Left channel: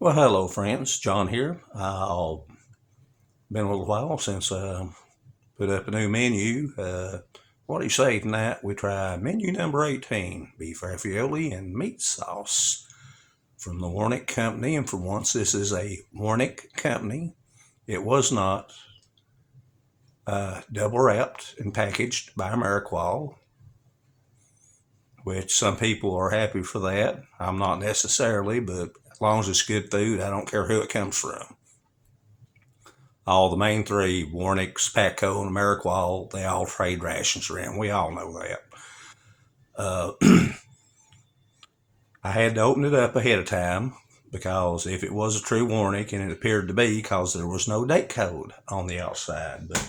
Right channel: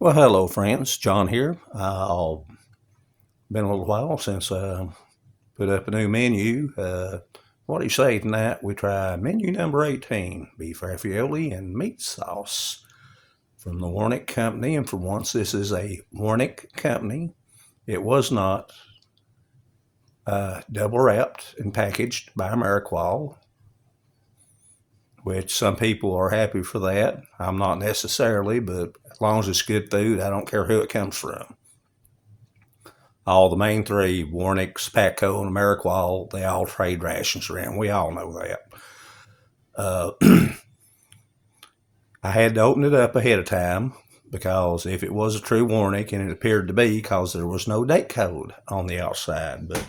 Well, hello, friends. John here. Been a little while since I put up a new menu. What do you say tonight? We try menu number 18, beef ravioli and meat sauce from the Wornick company. And for once, this is a Wornick company. It was not double wrapped and packaged by Ameriqual, which some people are happy for that. I'm not necessarily, but as long as it's good food, I don't care who it comes from. All the main three, Wornick's, Patco, and Ameriqual, they all trade rations around. We all know that. Uh, I had to open it up ahead of time because if it was a true Wornick, and it appeared to be because there was no date code on the outside, but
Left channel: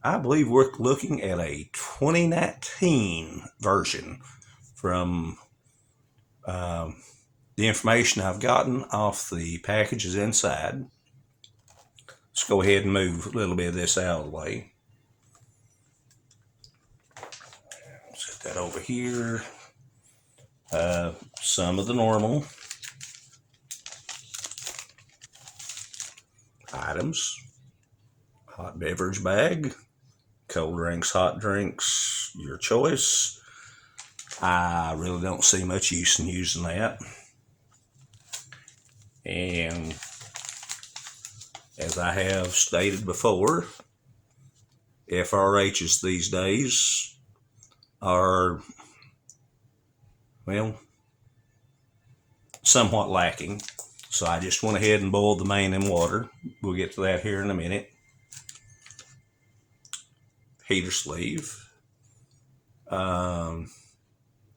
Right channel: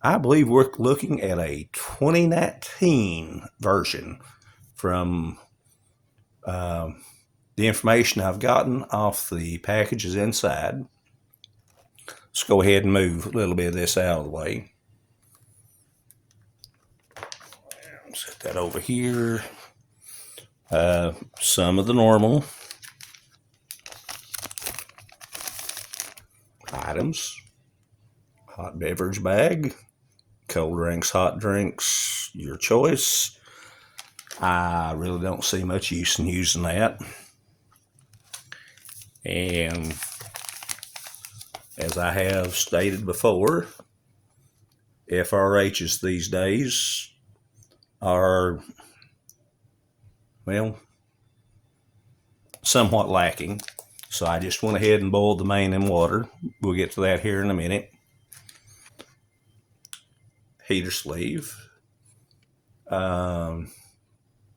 I believe we're looking at a 2019 version from the information I've gotten off the packages inside. Let's go ahead and move a little bit of this out of the way. Set that over here. Some of the normal items. Hot beverage bag. Cold drinks, hot drinks, your choice. I really don't see much use in using that. And as I have stated before, FRHs these days are, well, somewhat lacking. So I just went ahead and boiled the main in water. We'll get to that here in a minute. Heater sleeve.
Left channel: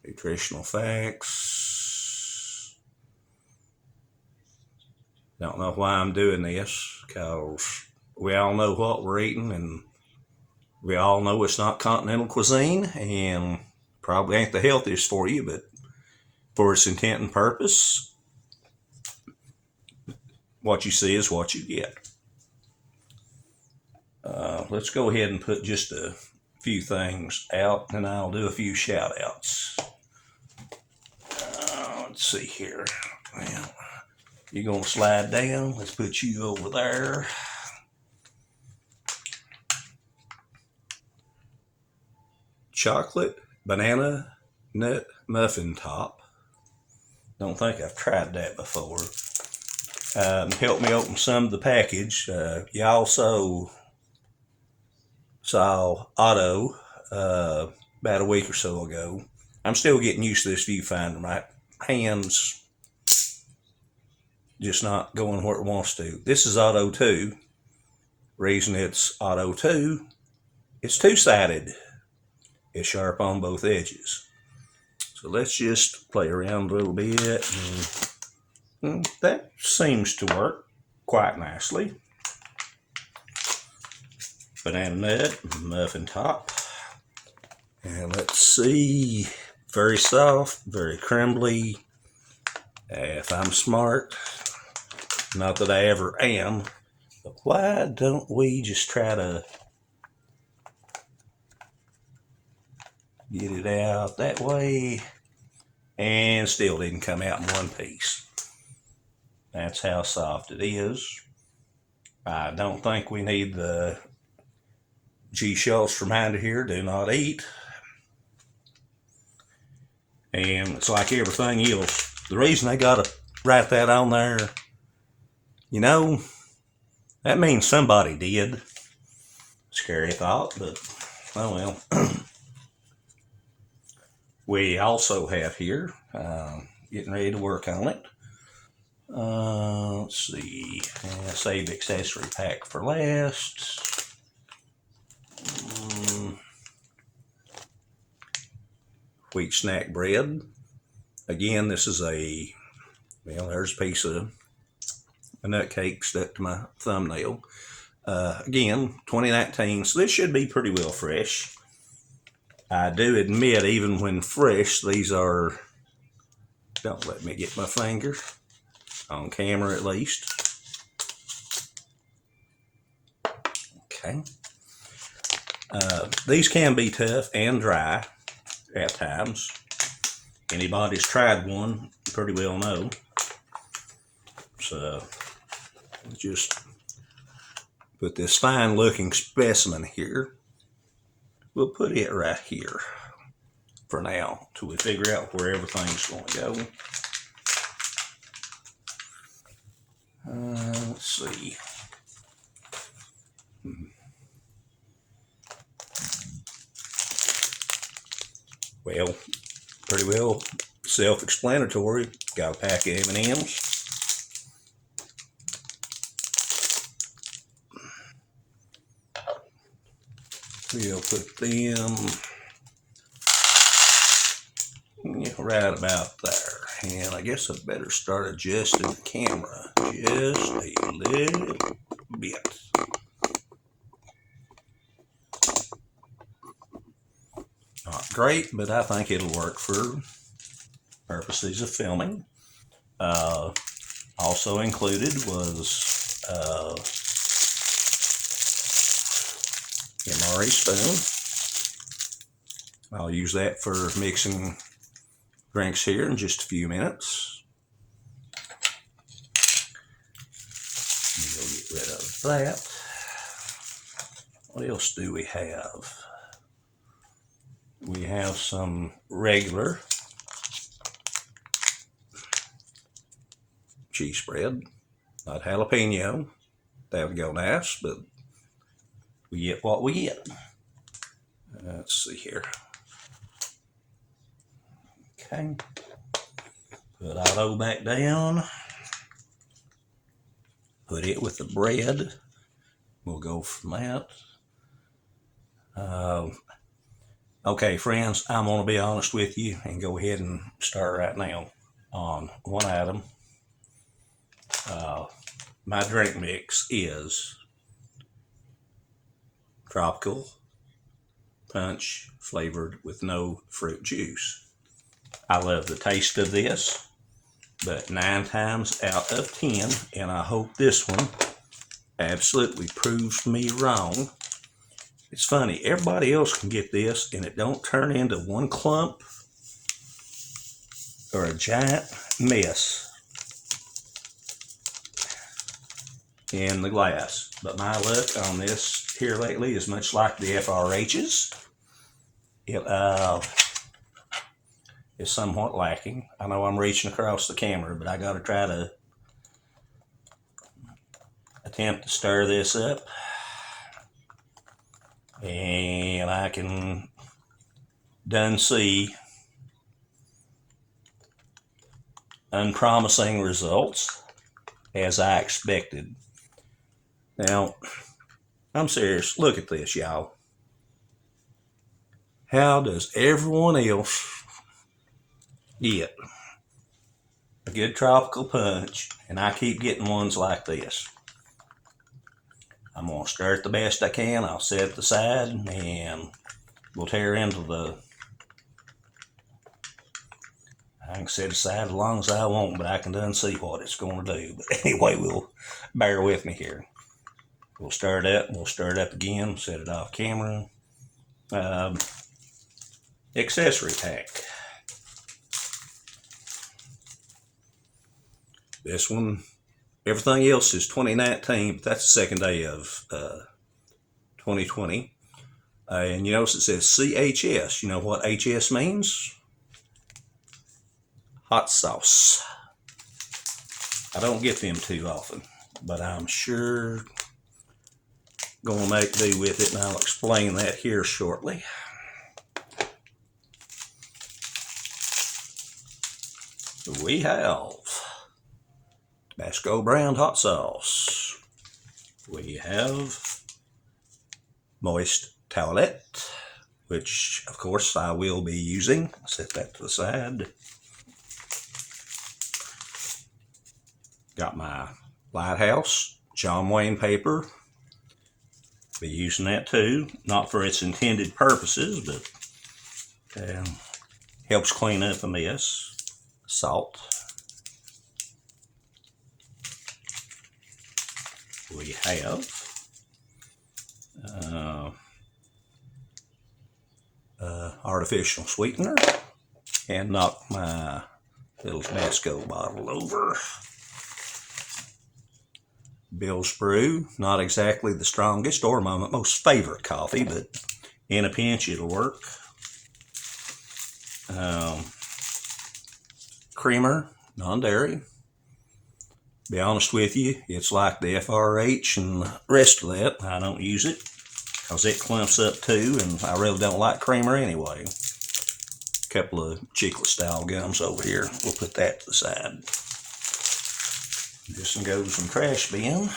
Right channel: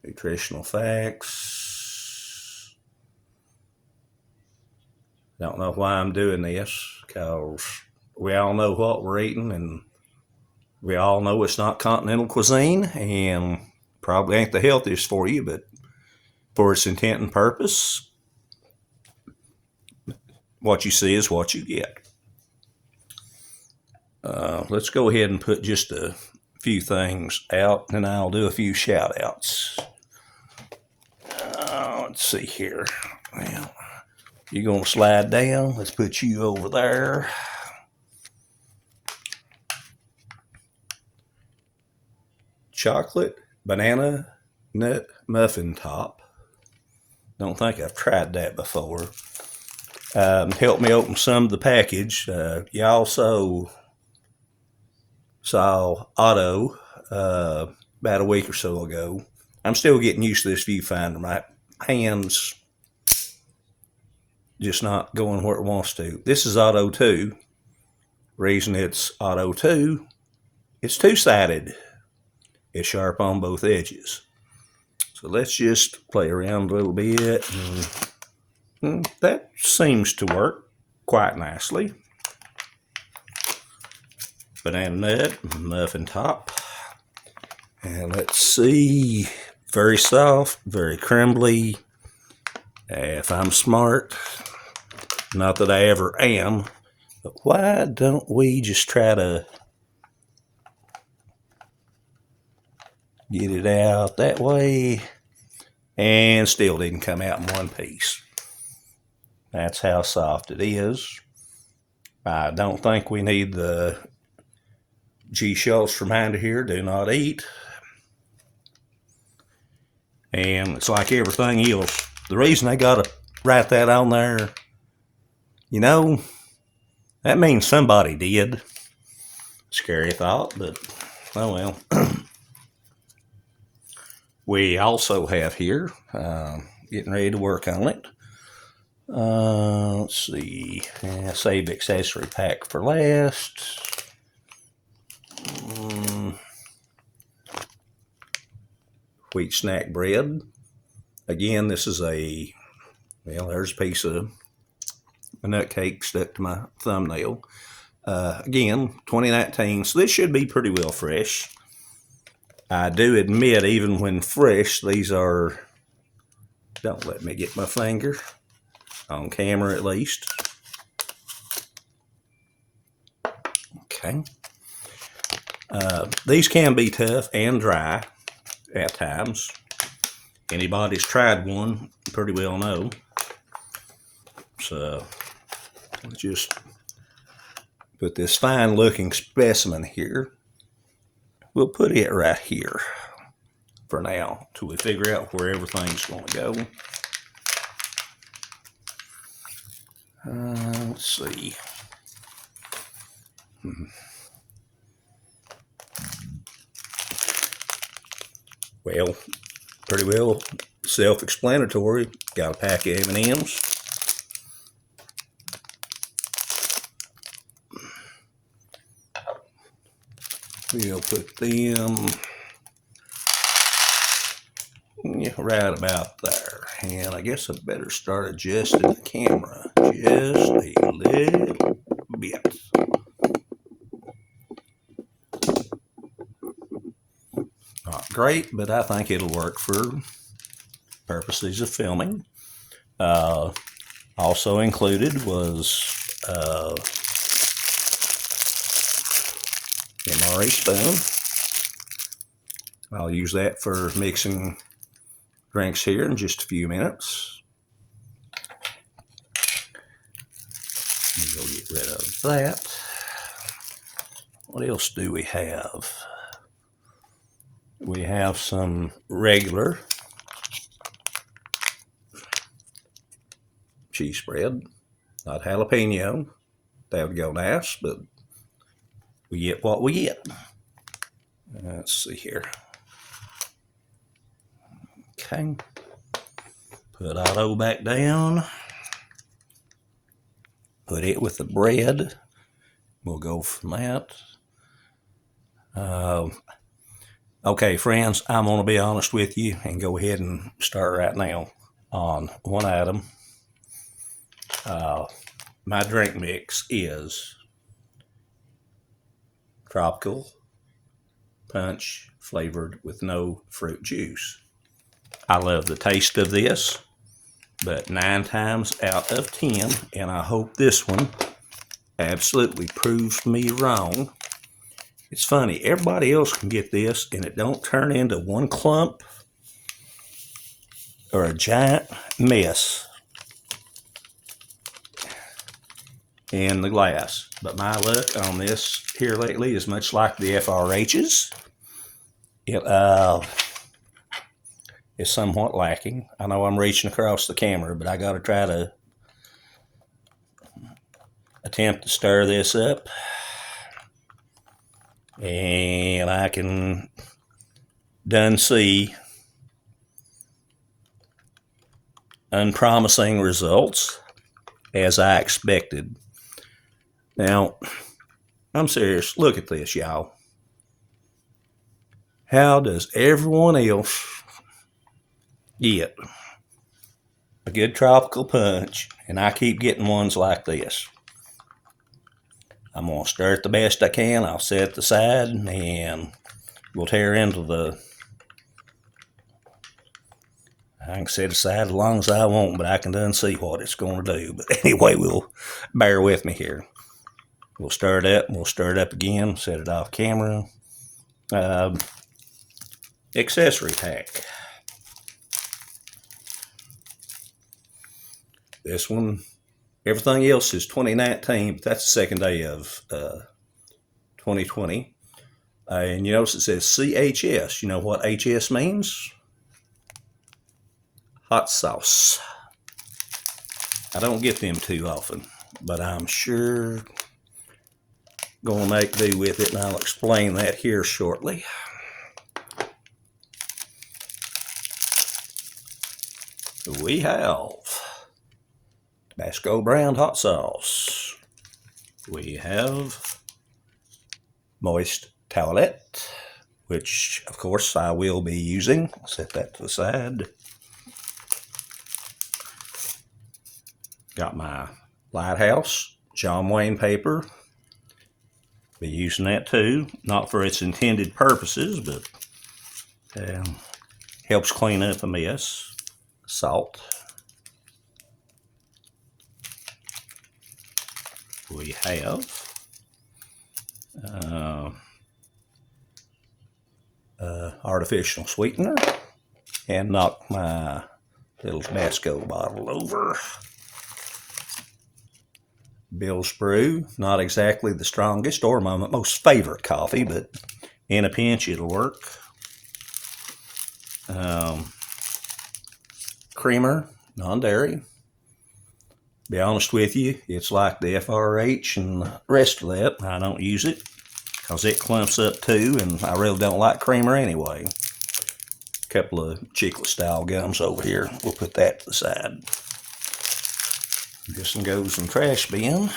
Nutritional facts. Don't know why I'm doing this, because we all know what we're eating, and we all know it's not continental cuisine, and probably ain't the healthiest for you, but for its intent and purpose, what you see is what you get. Let's go ahead and put just a few things out, and I'll do a few shout outs. Let's see here. Well, you're going to slide down. Let's put you over there. Chocolate banana nut muffin top. Don't think I've tried that before. Helped me open some of the package. You also saw Otto about a week or so ago. I'm still getting used to this viewfinder. My hands just not going where it wants to. This is Otto 2. Reason it's Otto 2, it's two-sided. It's sharp on both edges. So let's just play around a little bit. And that seems to work quite nicely. Banana nut, muffin top. And let's see, very soft, very crumbly. If I'm smart, not that I ever am, but why don't we just try to get it out that way? And still didn't come out in one piece. That's how soft it is. I don't think we need the G. Schultz reminder here, do not eat. And it's like everything else. The reason I got to write that on there, you know, that means somebody did. Scary thought, but oh well. We also have here, getting ready to work on it. Let's see, save accessory pack for last. Wheat snack bread. Again, this is there's a piece of a nut cake stuck to my thumbnail. Again, 2019, so this should be pretty well fresh. I do admit, even when fresh, these are, don't let me get my finger, on camera at least. Okay. These can be tough and dry at times. Anybody's tried one, pretty well know. So just put this fine looking specimen here. We'll put it right here for now till we figure out where everything's going to go. Let's see. Well, pretty well self-explanatory. Got a pack of M&Ms. We'll put them right about there. And I guess I'd better start adjusting the camera just a little bit. Not great, but I think it'll work for purposes of filming. Also included was MRE spoon. I'll use that for mixing drinks here in just a few minutes. Let me go get rid of that. What else do we have? We have some regular cheese spread, not jalapeno. That would go nice, but we get what we get. Let's see here. Okay. Put auto back down. Put it with the bread. We'll go from that. Okay, friends, I'm going to be honest with you and go ahead and start right now on one item. My drink mix is tropical punch flavored with no fruit juice. I love the taste of this, but 9 times out of 10, and I hope this one absolutely proves me wrong. It's funny, everybody else can get this and it don't turn into one clump or a giant mess in the glass. But my luck on this here lately is much like the FRH's. It is somewhat lacking. I know I'm reaching across the camera, but I got to try to attempt to stir this up. And I can done see unpromising results as I expected. Now, I'm serious. Look at this, y'all. How does everyone else get a good tropical punch and I keep getting ones like this? I'm going to stir it the best I can. I'll set it aside and we'll tear into the... I can set it aside as long as I want, but I can done see what it's going to do. But anyway, we'll bear with me here. We'll stir it up. We'll stir it up again. Set it off camera. Accessory pack. This one... Everything else is 2019, but that's the second day of 2020. And you notice it says CHS. You know what HS means? Hot sauce. I don't get them too often, but I'm sure going to make do with it, and I'll explain that here shortly. We have Tabasco brand hot sauce. We have moist towelette, which of course I will be using. I'll set that to the side. Got my Lighthouse John Wayne paper. Be using that too, not for its intended purposes, but helps clean up a mess. Salt. We have artificial sweetener, and knock my little Tabasco bottle over. Bill's Brew, not exactly the strongest or my most favorite coffee, but in a pinch it'll work. Creamer, non-dairy. Be honest with you, it's like the FRH and the rest of that. I don't use it because it clumps up too, and I really don't like creamer anyway. A couple of chiclet style gums over here. We'll put that to the side. This one goes in trash bin.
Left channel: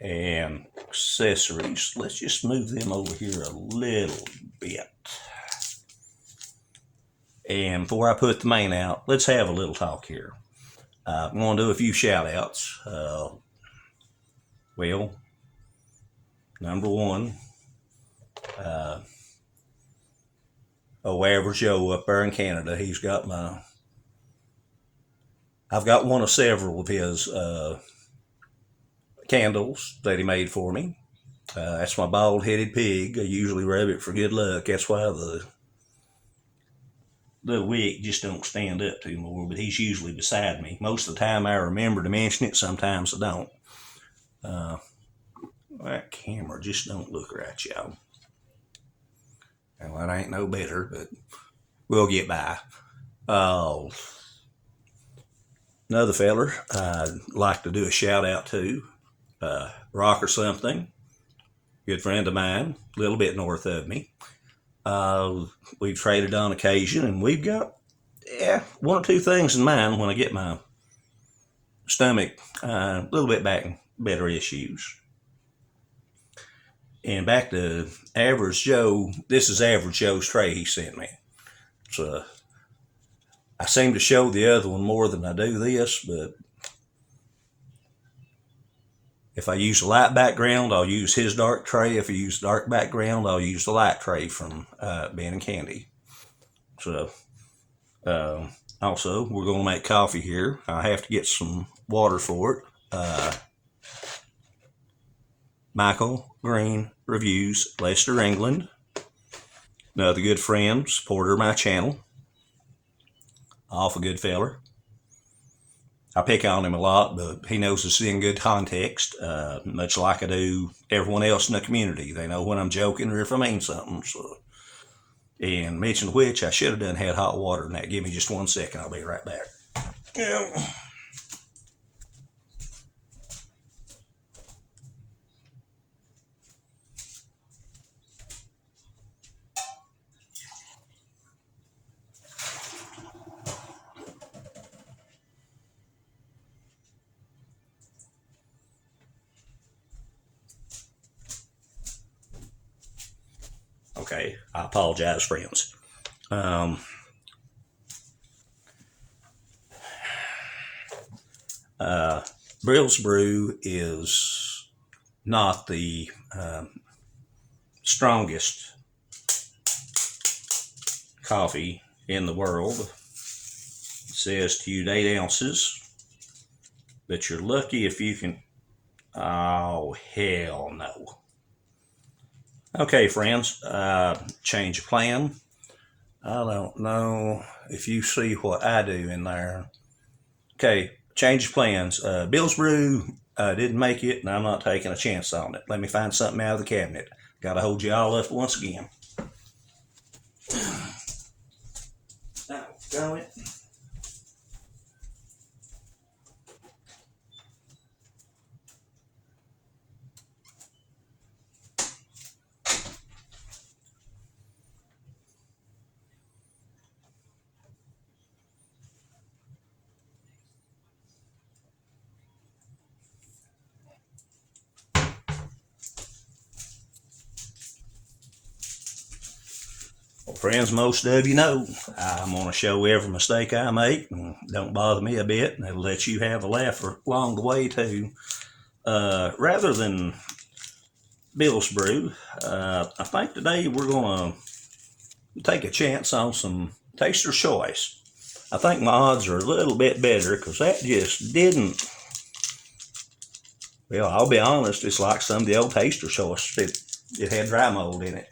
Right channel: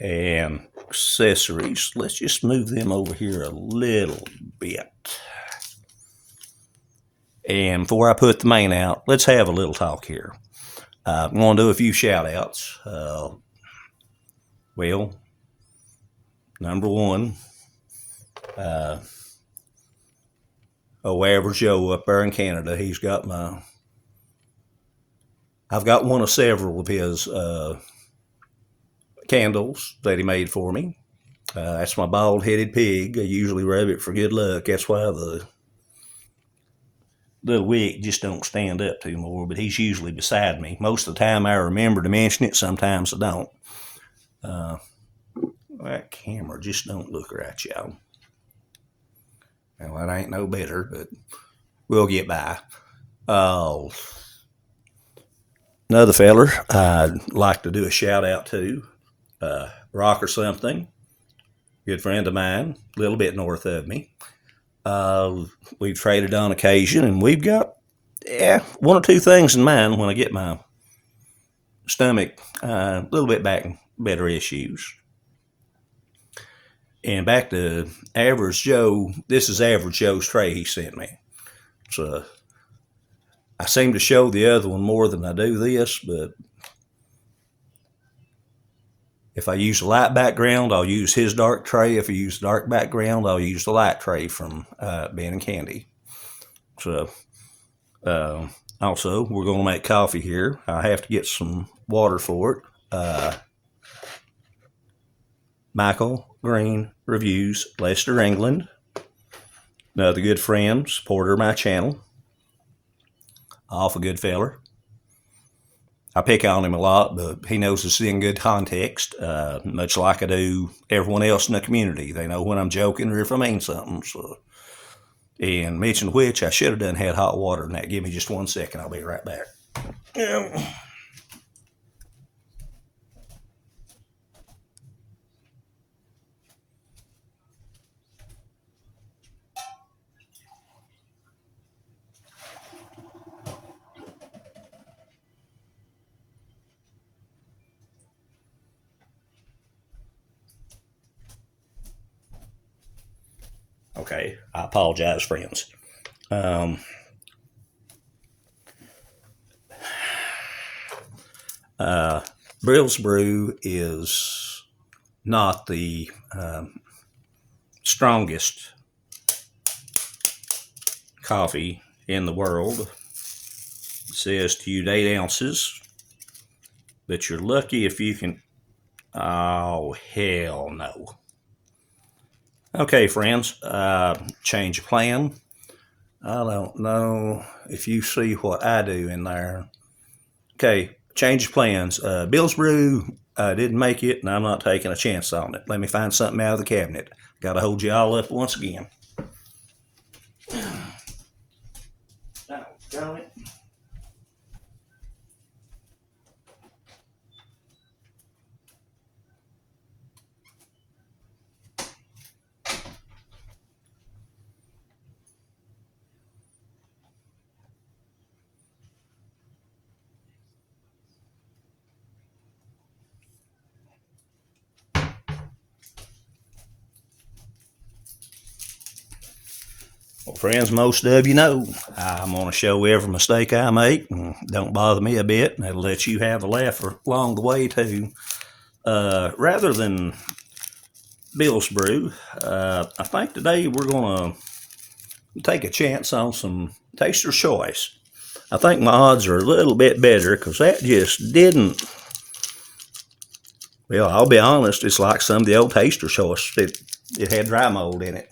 And accessories, let's just move them over here a little bit. And before I put the main out, let's have a little talk here. I'm going to do a few shout outs. Well, number one, Average Joe up there in Canada. He's got I've got one of several of his candles that he made for me. That's my bald-headed pig. I usually rub it for good luck. That's why the wick just don't stand up too more, but he's usually beside me. Most of the time I remember to mention it, sometimes I don't. That camera just don't look right, y'all. Now, that ain't no better, but we'll get by. Another feller I'd like to do a shout out to, Rock or Something, good friend of mine, a little bit north of me. We've traded on occasion, and we've got one or two things in mind when I get my stomach a little bit back in better issues. And back to Average Joe, this is Average Joe's tray he sent me. So I seem to show the other one more than I do this, but if I use a light background, I'll use his dark tray. If I use dark background, I'll use the light tray from Ben and Candy. So, also, we're going to make coffee here. I have to get some water for it. Michael Green Reviews, Leicester, England. Another good friend, supporter of my channel. Awful good feller. I pick on him a lot, but he knows it's in good context, much like I do everyone else in the community. They know when I'm joking or if I mean something. So. And mention which, I should have done had hot water in that. Give me just 1 second. I'll be right back. Yeah. Okay, I apologize, friends. Bill's Brew is not the strongest coffee in the world. It says to use 8 ounces, but you're lucky if you can. Oh, hell no. Okay, friends, change of plan. I don't know if you see what I do in there. Okay, change of plans. Bill's Brew didn't make it, and I'm not taking a chance on it. Let me find something out of the cabinet. Got to hold you all up once again. Doggone it. Well, friends, most of you know I'm going to show every mistake I make. And don't bother me a bit, and it'll let you have a laugh along the way, too. Rather than Bill's Brew, I think today we're going to take a chance on some Taster's Choice. I think my odds are a little bit better because that just didn't. Well, I'll be honest, it's like some of the old Taster's Choice. It had dry mold in it.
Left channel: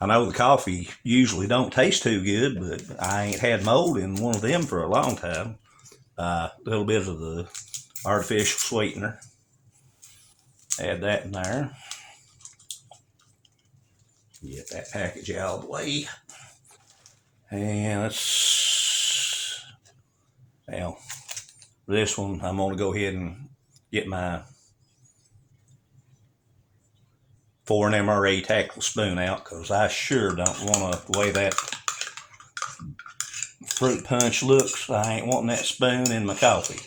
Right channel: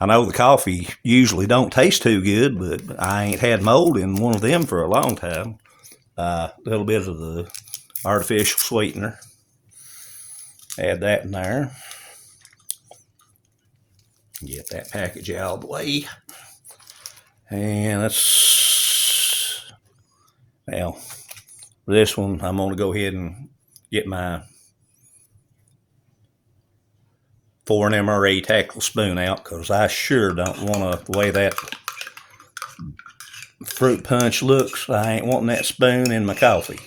I know the coffee usually don't taste too good, but I ain't had mold in one of them for a long time. A little bit of the artificial sweetener. Add that in there. Get that package out of the way. And well, for this one, I'm going to go ahead and get my 4 MRE tactile spoon out, because I sure don't want to, the way that fruit punch looks, I ain't wanting that spoon in my coffee.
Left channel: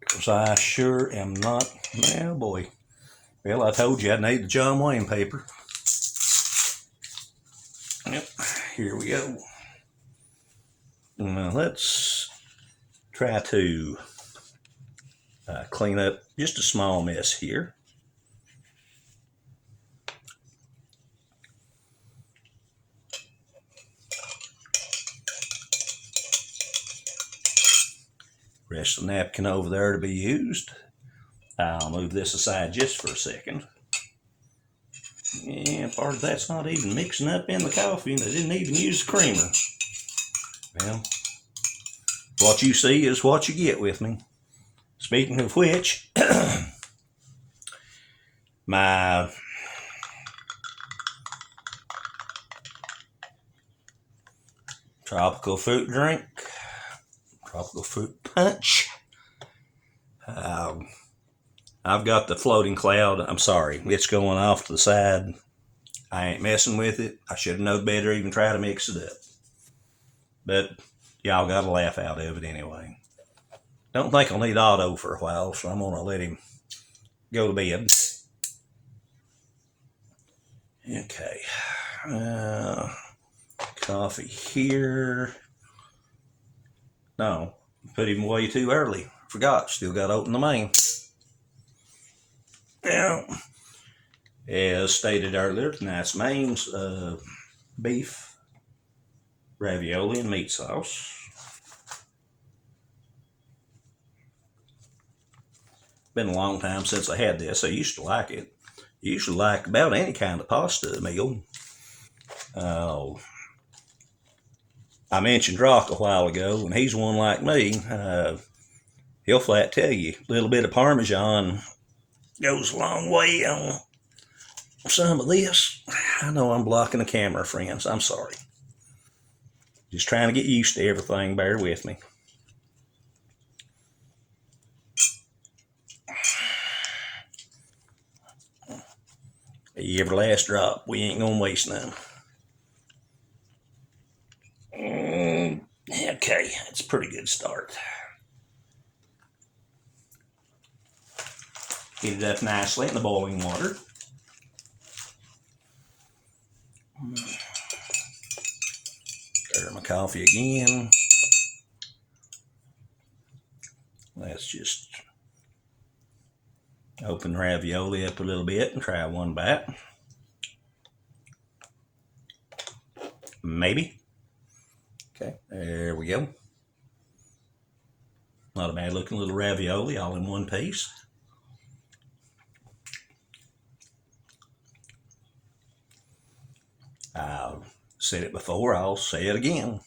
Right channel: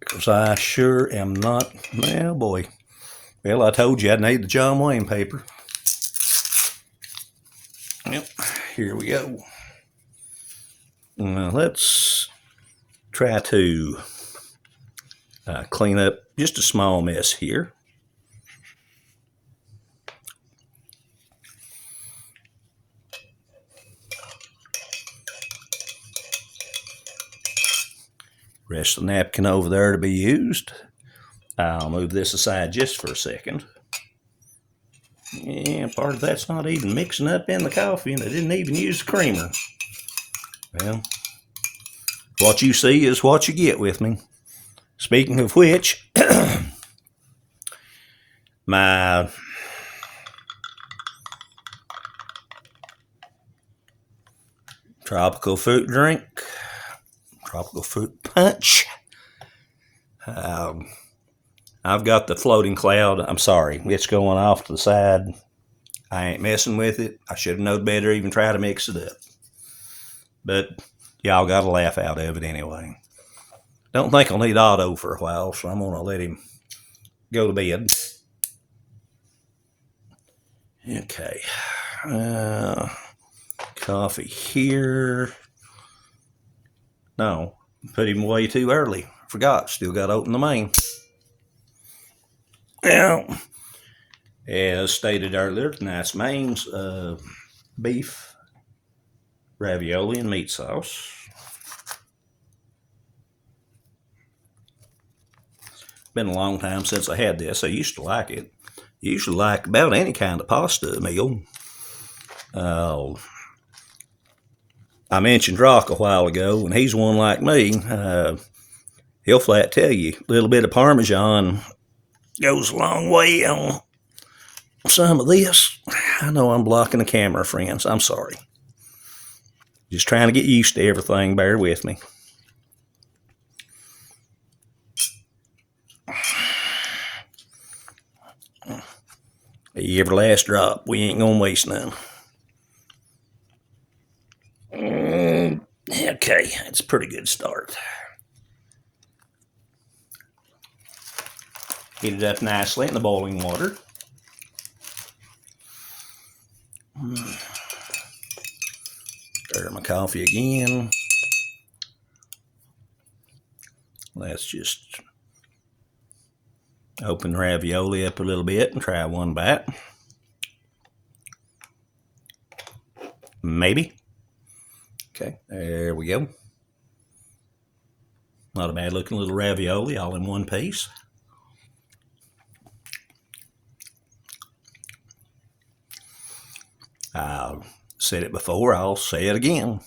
Because I sure am not, well boy. Well, I told you I'd need the John Wayne paper. Yep, here we go. Now let's try to clean up just a small mess here. Rest of the napkin over there to be used. I'll move this aside just for a second. And part of that's not even mixing up in the coffee, and they didn't even use the creamer. Well, what you see is what you get with me. Speaking of which, my tropical fruit drink, tropical fruit punch. I've got the floating cloud. I'm sorry, it's going off to the side. I ain't messing with it. I should have known better, even try to mix it up. But y'all got a laugh out of it anyway. Don't think I'll need Otto for a while, so I'm going to let him go to bed. Okay. Coffee here. No, put him away too early. Forgot, still got to open the main. Well, as stated earlier, tonight's main's beef ravioli and meat sauce. Been a long time since I had this. I used to like it. Usually like about any kind of pasta meal. I mentioned Rock a while ago, and he's one like me. He'll flat tell you a little bit of Parmesan goes a long way on some of this. I know I'm blocking the camera, friends. I'm sorry. Just trying to get used to everything. Bear with me. Every last drop. We ain't gonna waste none. Okay, it's a pretty good start. Heat it up nicely in the boiling water. Stir my coffee again. Let's just open ravioli up a little bit and try one bite. Maybe. Okay, there we go. Not a bad looking little ravioli all in one piece. I've said it before, I'll say it again.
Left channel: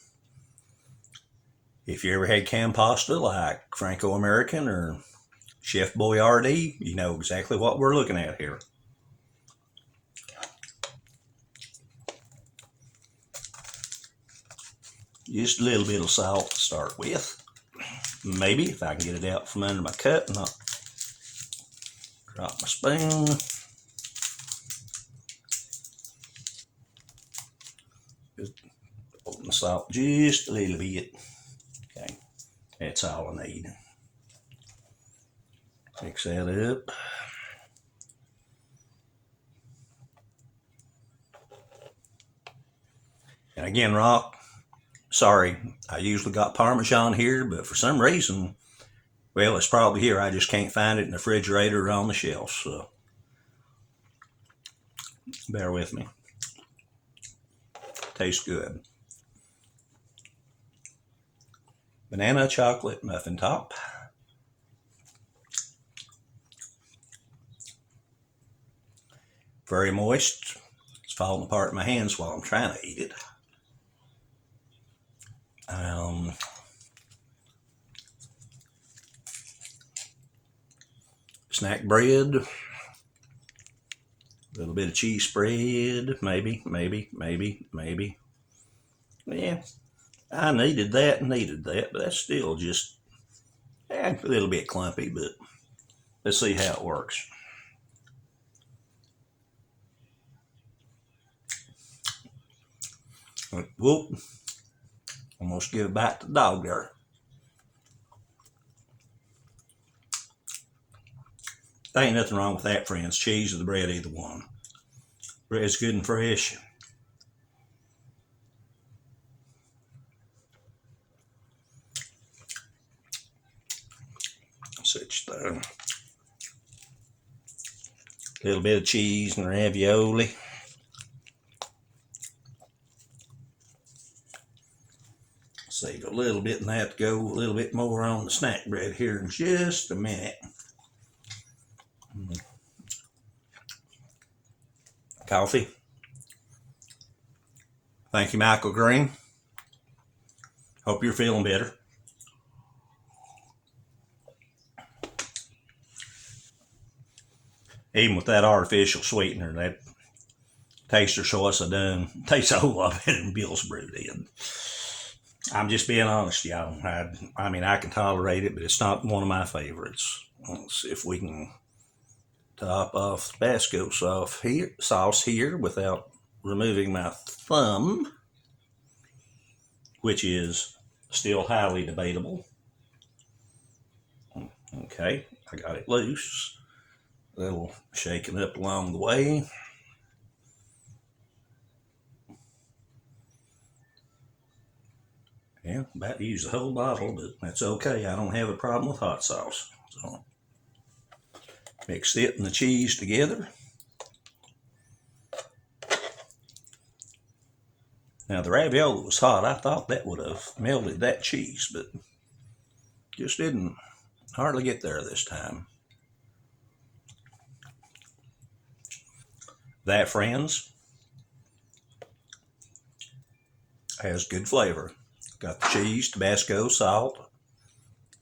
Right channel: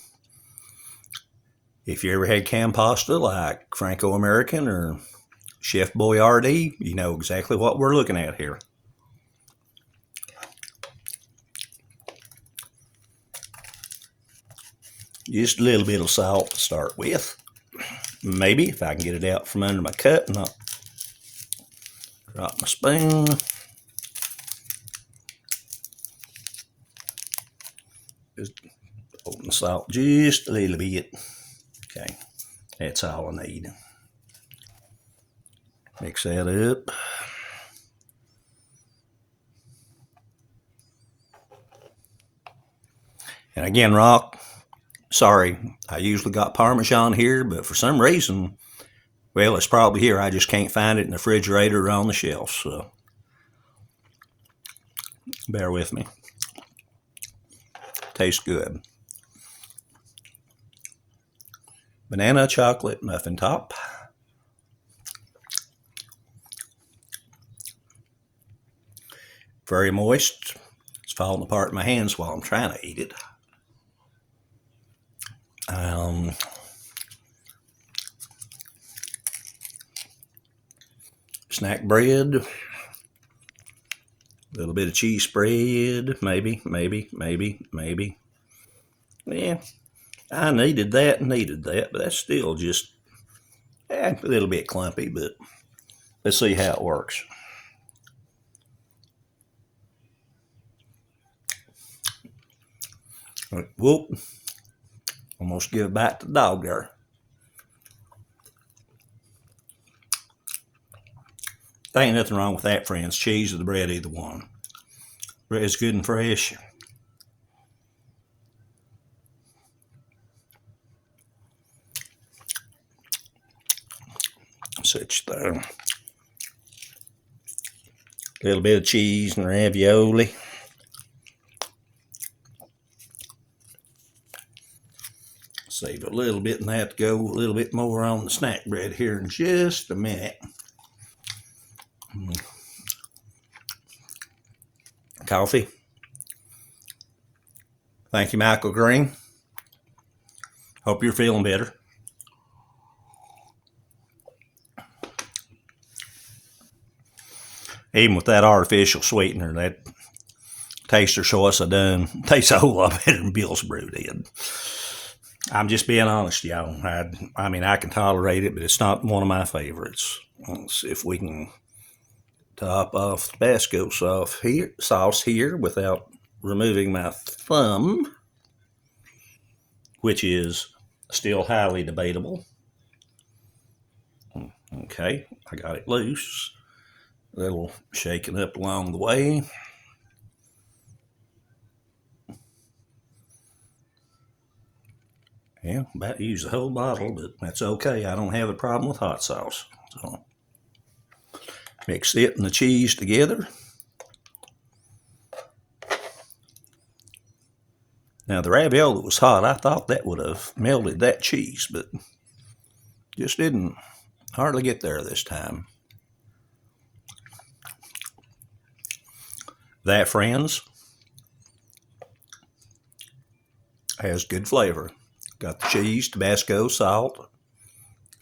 If you ever had canned pasta like Franco-American or Chef Boyardee, you know exactly what we're looking at here. Just a little bit of salt to start with. Maybe if I can get it out from under my cut and not drop my spoon. Just open the salt just a little bit. Okay, that's all I need. Mix that up. And again, Rock, sorry, I usually got Parmesan here, but for some reason, well, it's probably here. I just can't find it in the refrigerator or on the shelf, so bear with me. Tastes good. Banana chocolate muffin top. Very moist. It's falling apart in my hands while I'm trying to eat it. snack bread, a little bit of cheese spread, maybe. Yeah, I needed that, but that's still just a little bit clumpy, but let's see how it works. Whoop, almost give it back to the dog there. There ain't nothing wrong with that, friends. Cheese or the bread, either one. Bread's good and fresh. Such the little bit of cheese and ravioli. Save a little bit in that to go a little bit more on the snack bread here in just a minute. Coffee. Thank you, Michael Green. Hope you're feeling better. Even with that artificial sweetener, that taster choice I done tastes a whole lot better than Bill's Brew did. I'm just being honest, y'all. I mean, I can tolerate it, but it's not one of my favorites. Let's see if we can top off the Tabasco sauce here without removing my thumb, which is still highly debatable. Okay, I got it loose. A little shaking up along the way. Yeah, about to use the whole bottle, but that's okay. I don't have a problem with hot sauce. So mix it and the cheese together. Now the ravioli was hot. I thought that would have melted that cheese, but just didn't hardly get there this time. That, friends, has good flavor. Got the cheese, Tabasco, salt,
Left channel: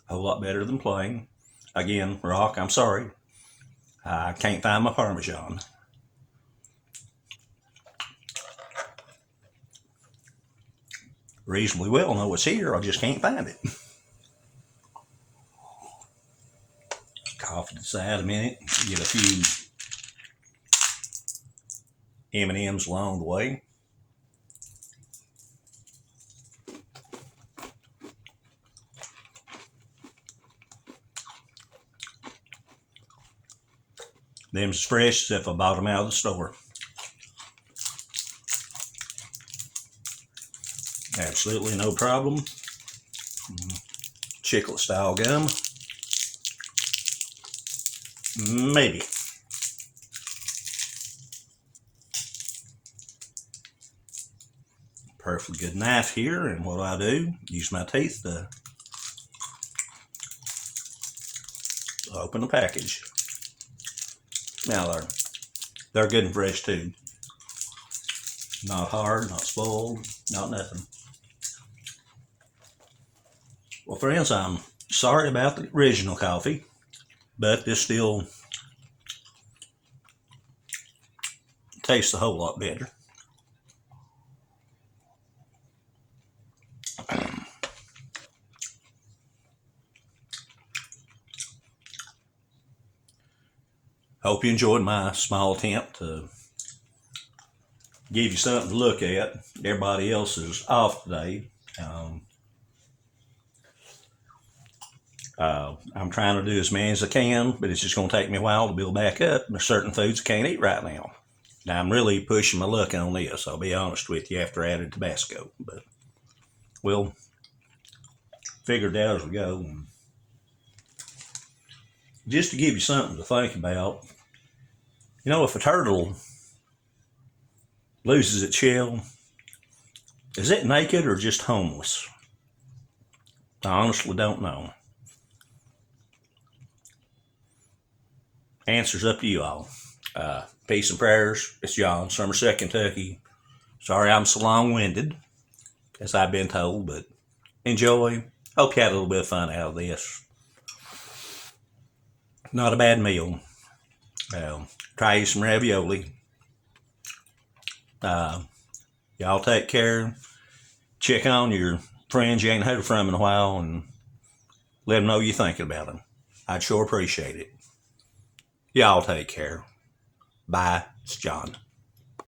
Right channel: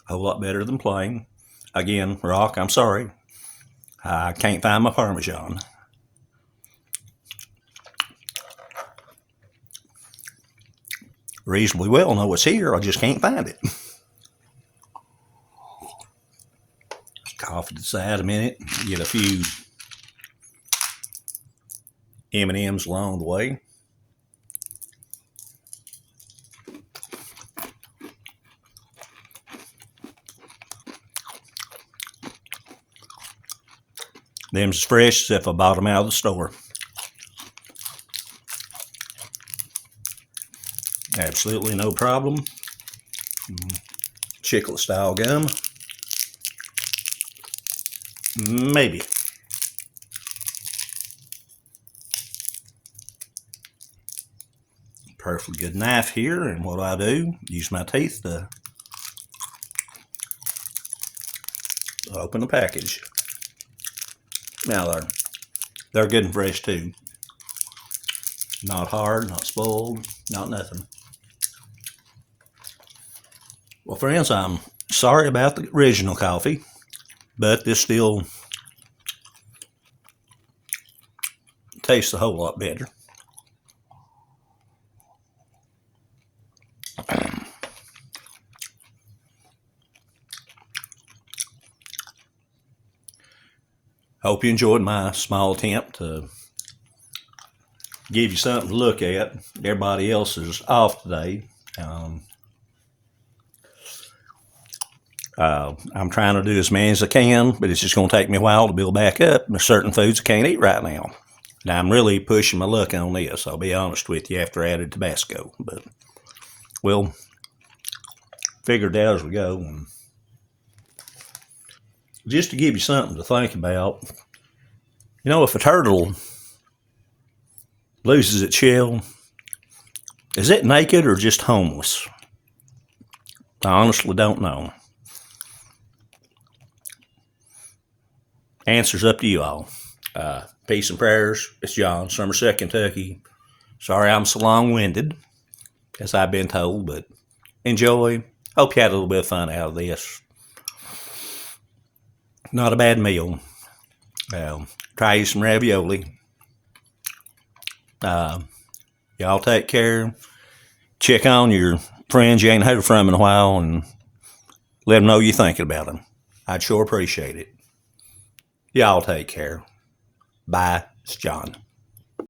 a whole lot better than plain. Again, Rock, I'm sorry. I can't find my Parmesan. Reasonably well know it's here, I just can't find it. Cough to the side a minute, get a few M&Ms along the way. Them's fresh as if I bought them out of the store. Absolutely no problem. Chiclet style gum. Maybe. Perfectly good knife here, and what I do, use my teeth to open the package. Now they're good and fresh too. Not hard, not spoiled, not nothing. Well, friends, I'm sorry about the original coffee, but this still tastes a whole lot better. Hope you enjoyed my small attempt to give you something to look at. Everybody else is off today. I'm trying to do as many as I can, but it's just going to take me a while to build back up. There's certain foods I can't eat right now. Now, I'm really pushing my luck on this, I'll be honest with you, after I added Tabasco. But we'll figure it out as we go. And just to give you something to think about, you know, if a turtle loses its shell, is it naked or just homeless? I honestly don't know. Answer's up to you all. Peace and prayers. It's John, Somerset, Kentucky. Sorry I'm so long-winded, as I've been told, but enjoy. Hope you had a little bit of fun out of this. Not a bad meal. Try you some ravioli. Y'all take care. Check on your friends you ain't heard from in a while and let them know you're thinking about them. I'd sure appreciate it. Y'all take care. Bye. It's John.